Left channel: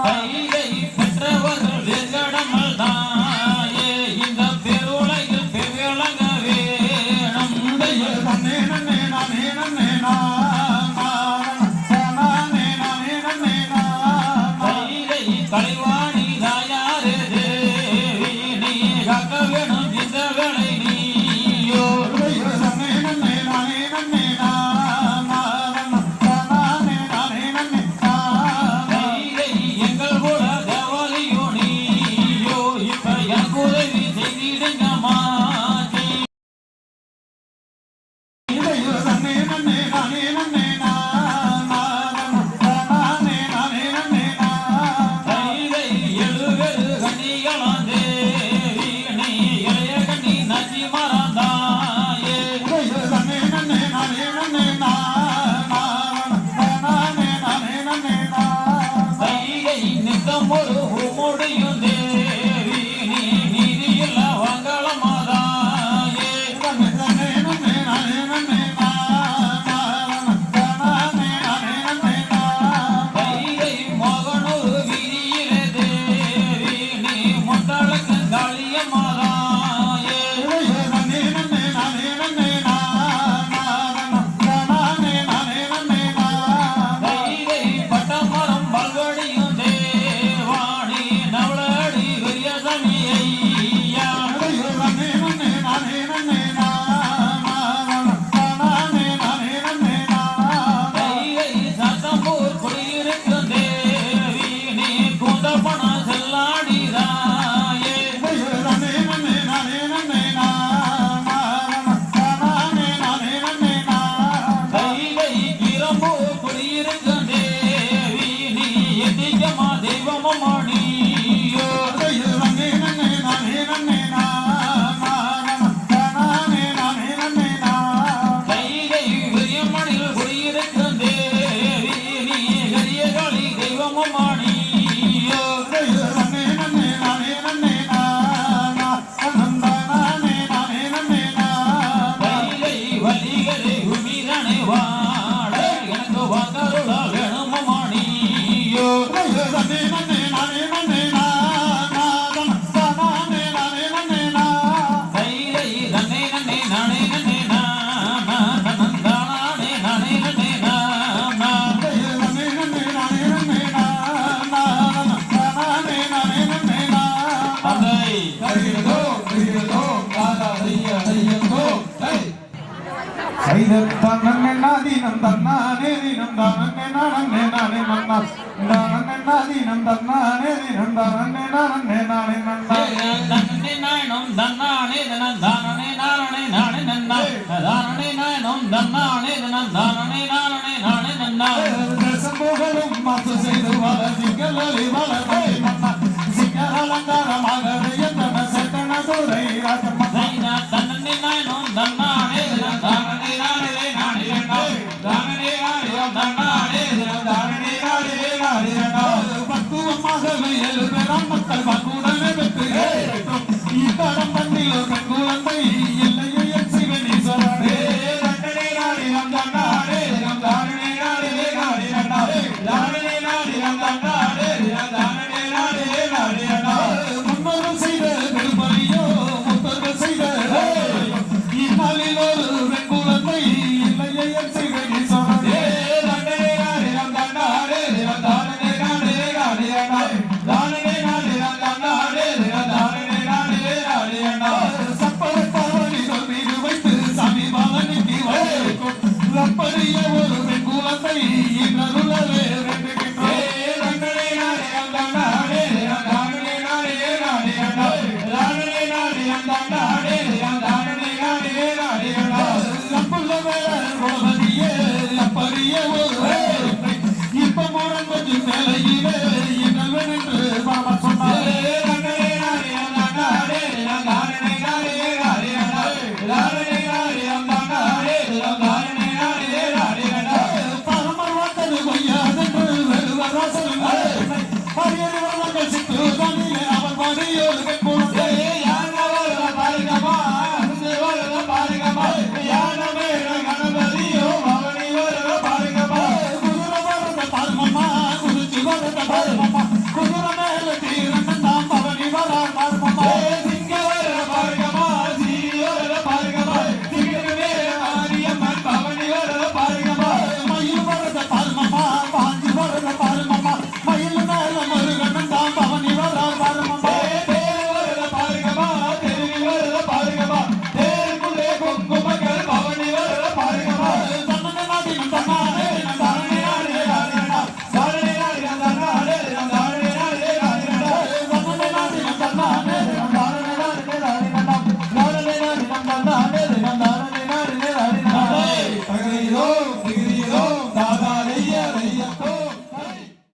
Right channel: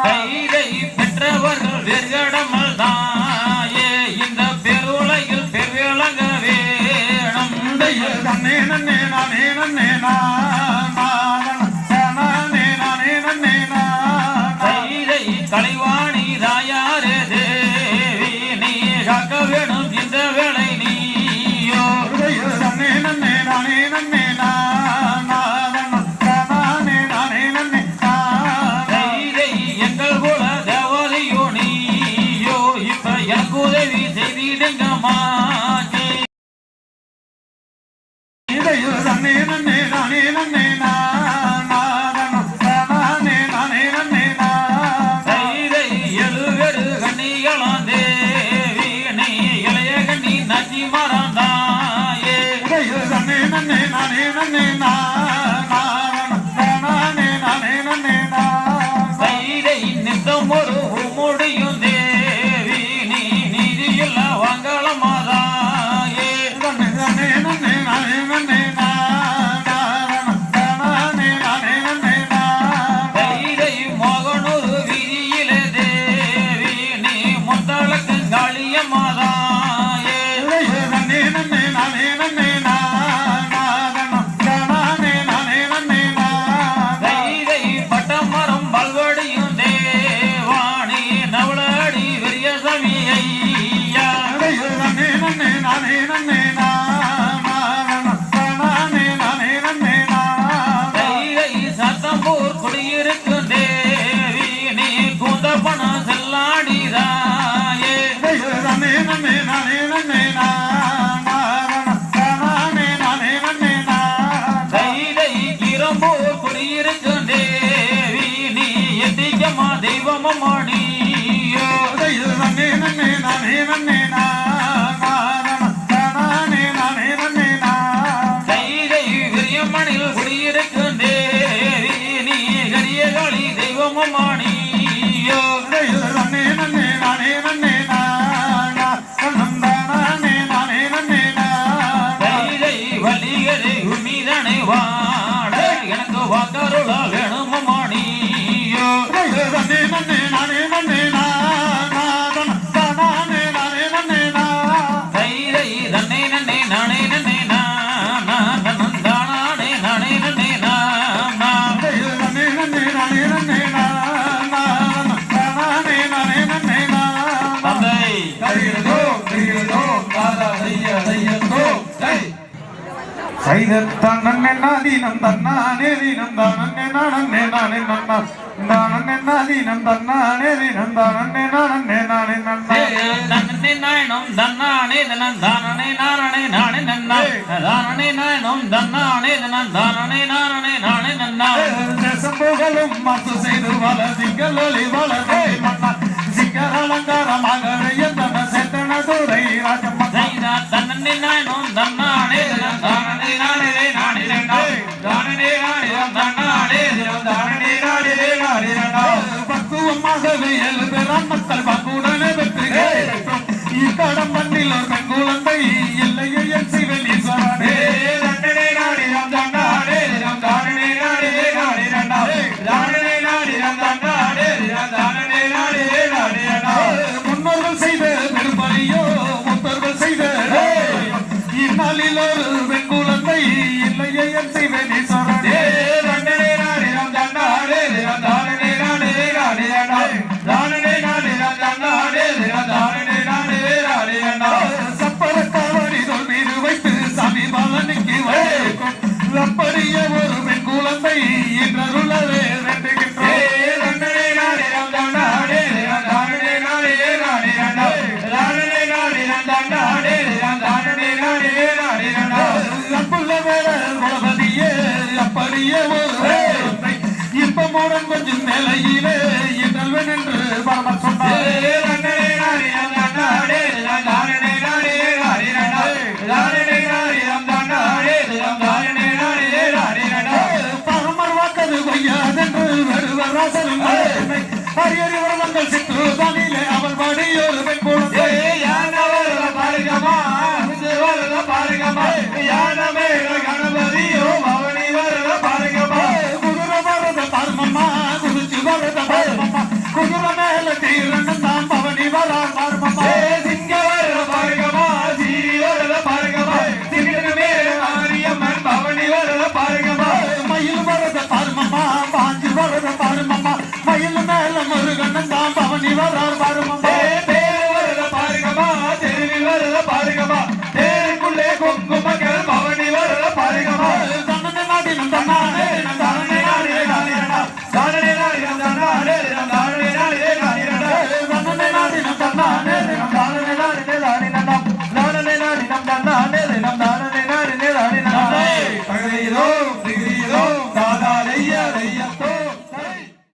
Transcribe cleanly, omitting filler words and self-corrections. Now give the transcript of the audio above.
கைதை பெற்றவர்கள் வெங்கடமல் தாயே இந்த பெருளையில் பெருவிளங்க வேணும். கைதை கலைவாணி தாயாரே தேவி நீ காக்க வேணும் இந்த வேளை நீயோ. உதவி செய்திடுங்கம்மா. கைதை எழுவேறு கண்ணிகளாம் தேவி நீ இளைய கண்ணி நச்சி மறந்தாயே. கைதை நித்தம் ஒரு முடியும் எனக்கு வாக்கருள வேணுமானியோ. கைதை தன்னை நன்னே நானே நன்னே நானே நானே நன்னே சைதத்தான் நன்னதீனம் தன்னானே தீனம் தானே நானே நானே நன்னா தானே தன்னானே தீனம் தானே நானே நானே நன்னா நன்னே நாயனம் தன்னானே தனன் தானே நானே நானே நன்னா தானே நாயனம் தன்னானே தனன் தானே நானே நானே நன்னா சம்போகலும் மாத்து செய்து வள சிக்கலி வளரே மன்னா சிக்கர அலங்காரமாக எத்தன செத்தன துறை ராஜம்மா சைதா தன்னே நாயனம் தன்னானே மக்கள் பங்குடனே வெற்றி இக்கடம் பண்ணில் பெண் குழந்தை இல்லையே என் சிவனீஸ்வரனே முன்னோர்கள் செய்த திருப்பணியோ முத்தர்கள் செய்த இந்நாளில் ஒரு பெண் குழந்தை இல்லையே என் சிவனீஸ்வரனே அப்படியே